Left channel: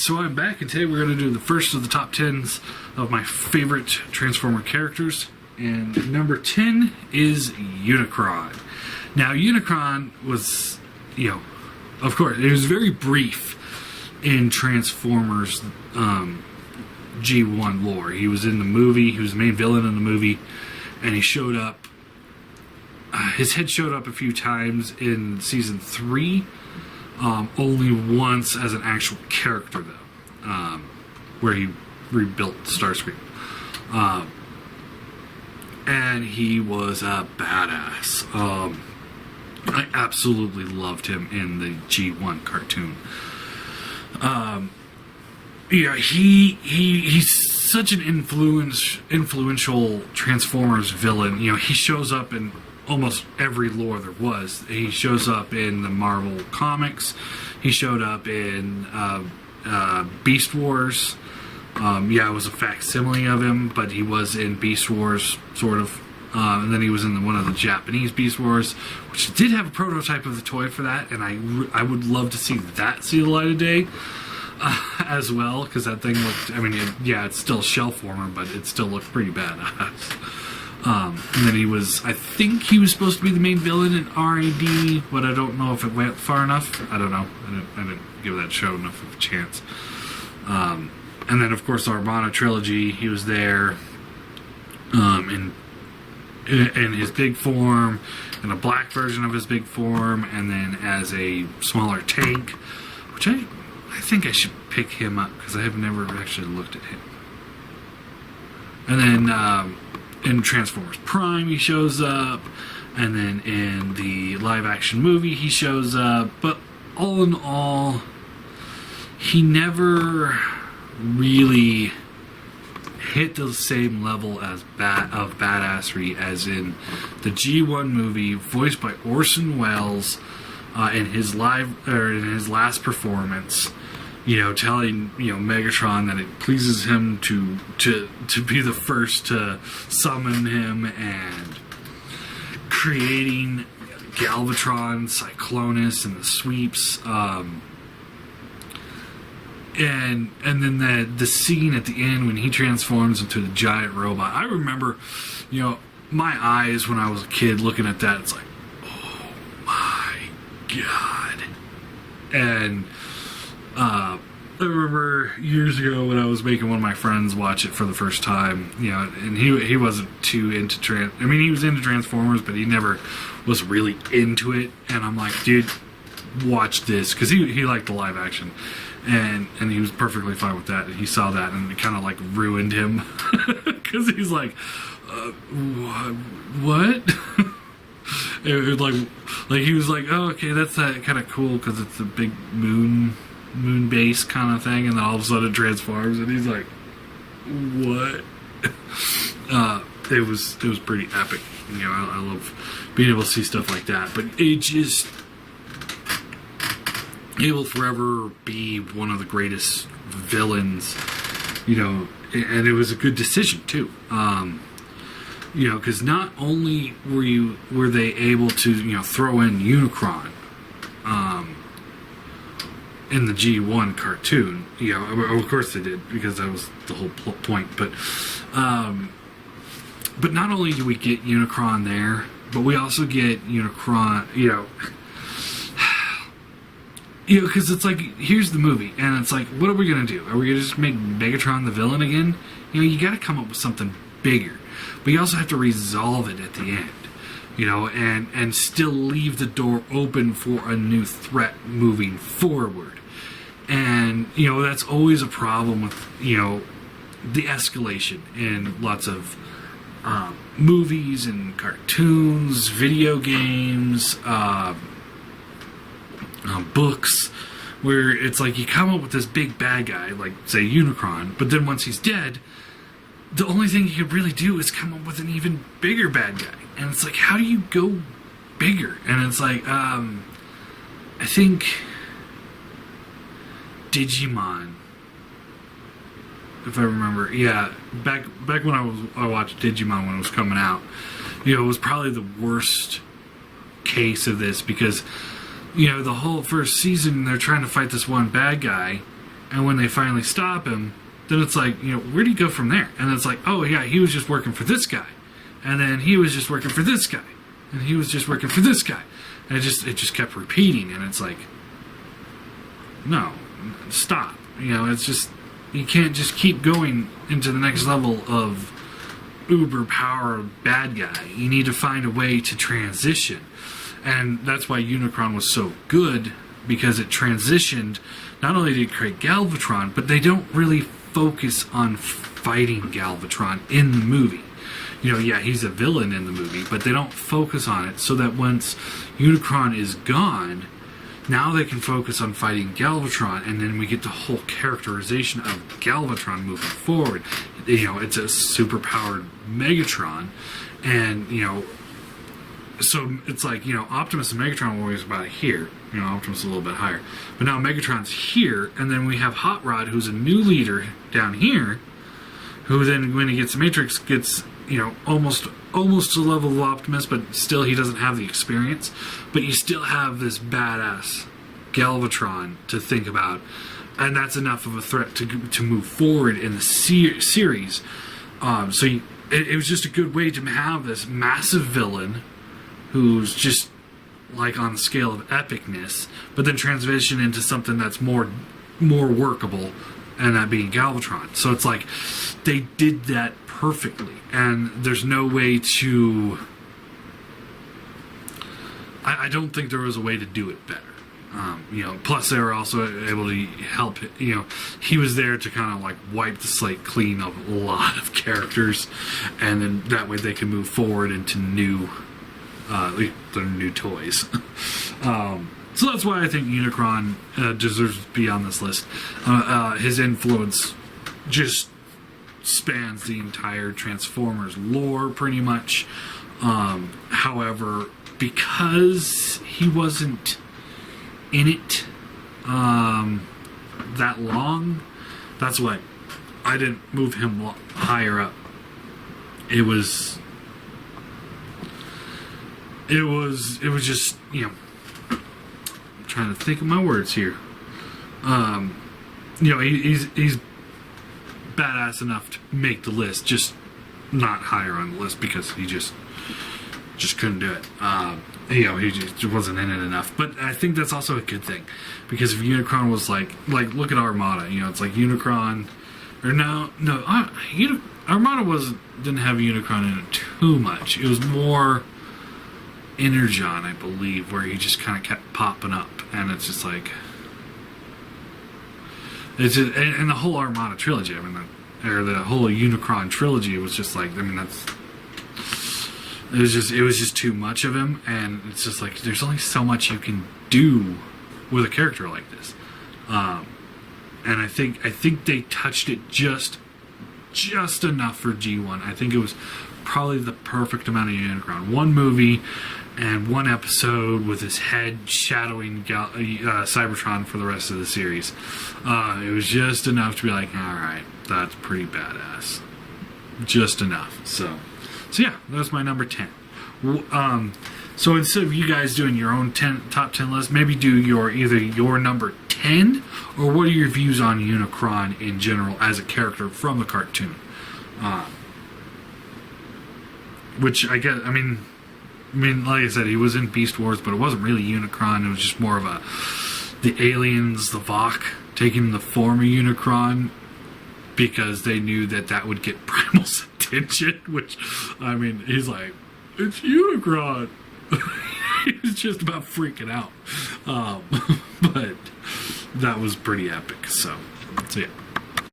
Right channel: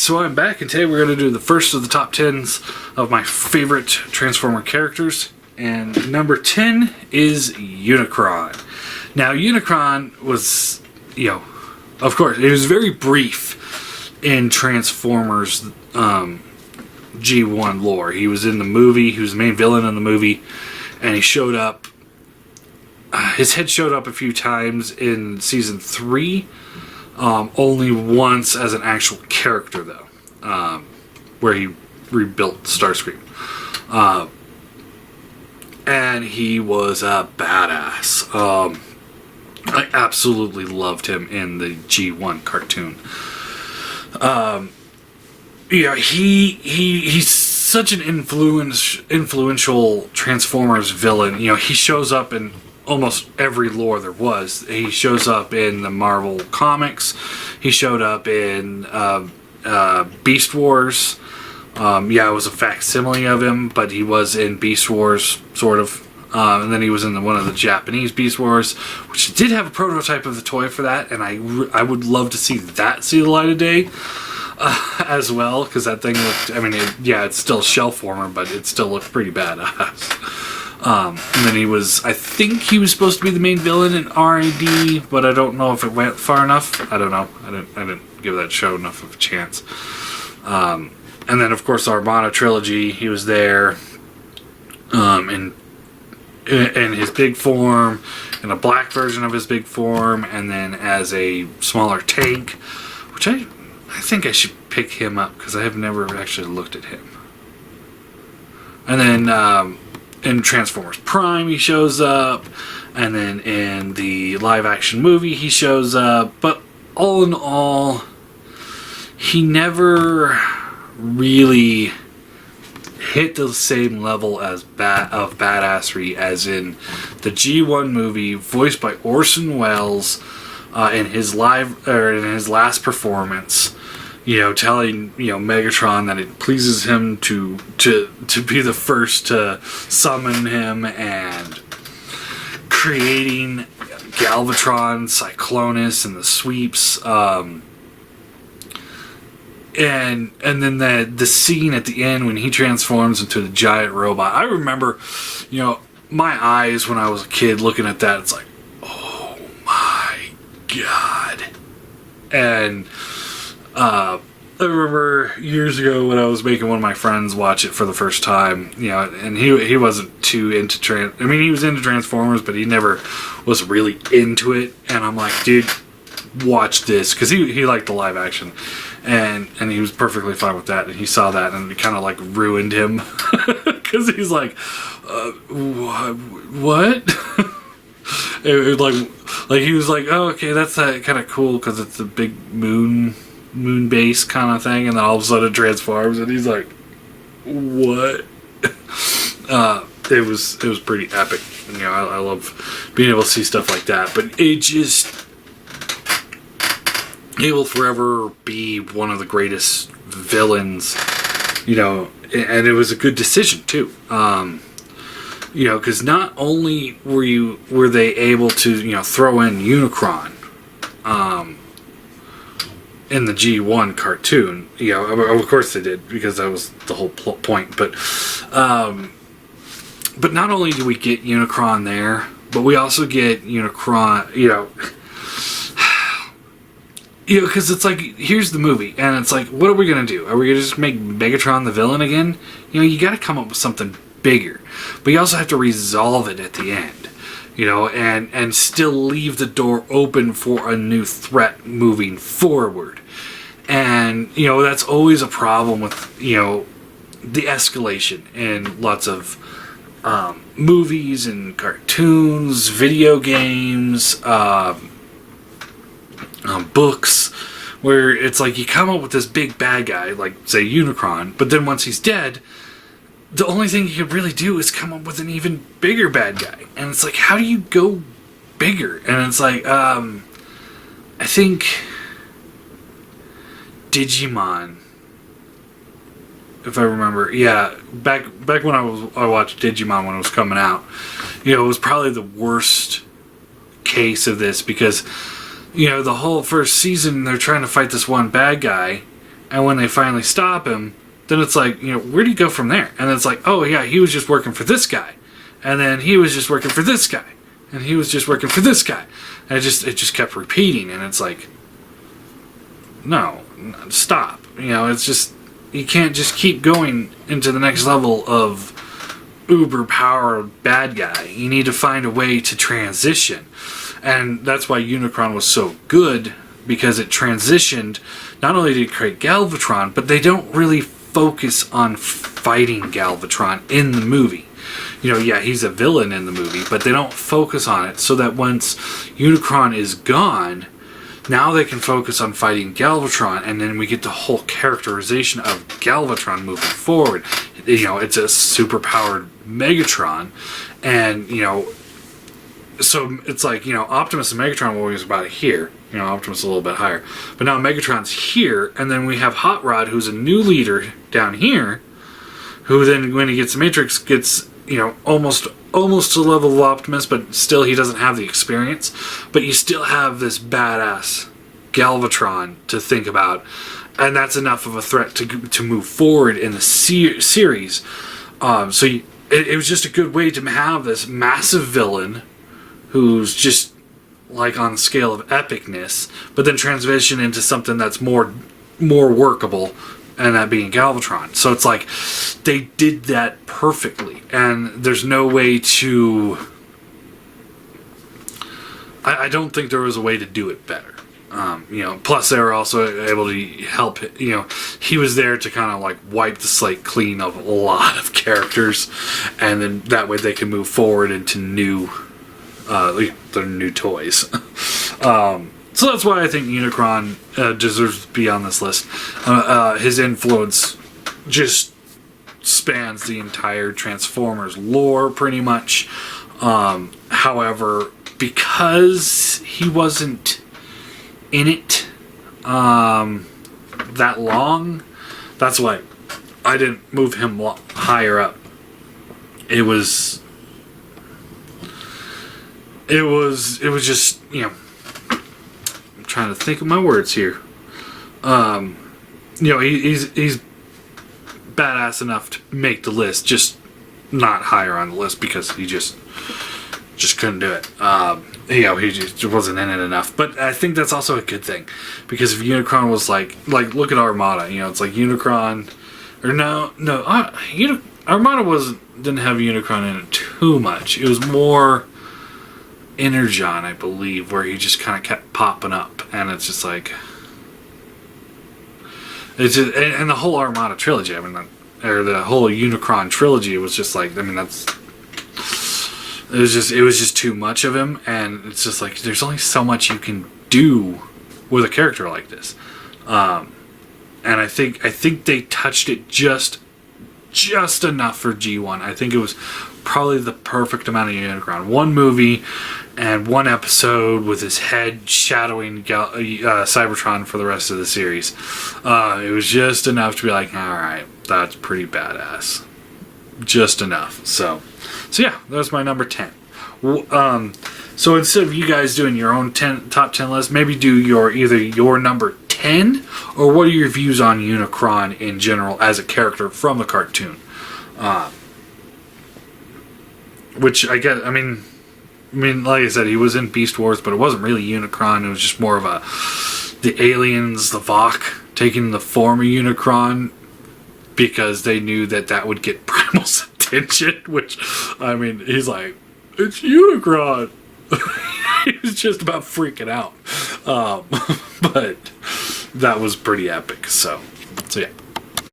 so I'm back, and today we're going to do the first of the top 10s of my favorite Transformer characters. And number 10 is Unicron. Now, Unicron was, of course, it was very brief in Transformers G1 lore. He was in the movie, he was the main villain in the movie, and he showed up. His head showed up a few times in season 3. Only once as an actual character, though, where he rebuilt Starscream. And he was a badass. I absolutely loved him in the G1 cartoon. He's such an influential Transformers villain. He shows up in almost every lore there was. He shows up in the Marvel comics. He showed up in Beast Wars. It was a facsimile of him, but he was in Beast Wars, sort of. And then he was in one of the Japanese Beast Wars, which did have a prototype of the toy for that, and I would love to see that see the light of day as well, because that thing looked, it's still shell former, but it still looked pretty badass. And then I think he was supposed to be the main villain in R.A.D., but I don't know if it went far enough. I don't know. I didn't give that show enough of a chance. And then, of course, the Armada trilogy, he was there, in his big form, in a black version of his big form, and then as a smaller tank, which I think I should pick him up, because I have never actually looked at him. And then, in Transformers Prime, he shows up, and then in the live-action movie, he shows up. But all in all, he never really hit the same level as of badassery as in the G1 movie, voiced by Orson Welles, in his last performance. Telling Megatron that it pleases him to be the first to summon him, and creating Galvatron, Cyclonus, and the sweeps, and then the scene at the end when he transforms into the giant robot. I remember, my eyes when I was a kid looking at that. It's like, oh my god, and. I remember years ago when I was making one of my friends watch it for the first time, and he wasn't too into he was into Transformers, but he never was really into it. And I'm like, dude, watch this, because he liked the live action, and he was perfectly fine with that. And he saw that, and it kind of like ruined him, because he's like, what? It was like he was like, oh, okay, that's kind of cool because it's a big moon base kind of thing, and then all of a sudden it transforms, and he's like, what? It was pretty epic. I love being able to see stuff like that, but it will forever be one of the greatest villains, and it was a good decision too. Because not only were they able to throw in Unicron in the G1 cartoon, of course they did, because that was the whole point. But not only do we get Unicron there, but we also get Unicron, because it's like, here's the movie, and it's like, what are we gonna do? Are we gonna just make Megatron the villain again? You got to come up with something bigger, but you also have to resolve it at the end, and still leave the door open for a new threat moving forward. And that's always a problem with the escalation in lots of movies and cartoons, video games, books, where it's like you come up with this big bad guy, like say Unicron, but then once he's dead, the only thing you can really do is come up with an even bigger bad guy. And it's like, how do you go bigger? And it's like, I think Digimon, if I remember, back when I watched Digimon when it was coming out, it was probably the worst case of this, because the whole first season they're trying to fight this one bad guy, And when they finally stop him, then it's like, where do you go from there? And then it's like, oh yeah, he was just working for this guy. And then he was just working for this guy. And he was just working for this guy. And it just kept repeating. And it's like, no, stop. It's just, you can't just keep going into the next level of uber powered bad guy. You need to find a way to transition. And that's why Unicron was so good, because it transitioned. Not only did it create Galvatron, but they don't really focus on fighting Galvatron in the movie. Yeah, he's a villain in the movie, but they don't focus on it, so that once Unicron is gone, now they can focus on fighting Galvatron, and then we get the whole characterization of Galvatron moving forward. It's a super-powered Megatron, and, so it's like, Optimus and Megatron were always about here. Optimus is a little bit higher. But now Megatron's here, and then we have Hot Rod, who's a new leader down here, who then, when he gets the Matrix, gets, almost to the level of Optimus, but still he doesn't have the experience. But you still have this badass Galvatron to think about, and that's enough of a threat to move forward in the series. It was just a good way to have this massive villain who's just like on the scale of epicness, but then transition into something that's more workable, and that being Galvatron. So it's like they did that perfectly, and there's no way to. I don't think there was a way to do it better. Plus they were also able to help. He was there to kind of like wipe the slate clean of a lot of characters, and then that way they can move forward into new. Their new toys. So that's why I think Unicron deserves to be on this list. His influence just spans the entire Transformers lore, pretty much. However, because he wasn't in it that long, that's why I didn't move him higher up. It was just, I'm trying to think of my words here. He's badass enough to make the list, just not higher on the list because he just couldn't do it. He just wasn't in it enough. But I think that's also a good thing, because if Unicron was like look at Armada. It's like Unicron, or Armada didn't have Unicron in it too much. It was more Energon, I believe, where he just kind of kept popping up, and it's just like, it's just, and the whole Armada trilogy, or the whole Unicron trilogy was just like, it was just too much of him, and it's just like there's only so much you can do with a character like this, and I think they touched it just enough for G1. I think it was probably the perfect amount of Unicron. One movie and one episode with his head shadowing Cybertron for the rest of the series. It was just enough to be like, alright, that's pretty badass. Just enough. So yeah, that's my number 10. So instead of you guys doing your own top 10 list, maybe do either your number 10, or what are your views on Unicron in general as a character from the cartoon? Which I guess, like I said, he was in Beast Wars, but it wasn't really Unicron. It was just more of the aliens, the Vok, taking the form of Unicron, because they knew that would get Primal's attention. Which, he's like, it's Unicron. He was just about freaking out. But that was pretty epic. So yeah.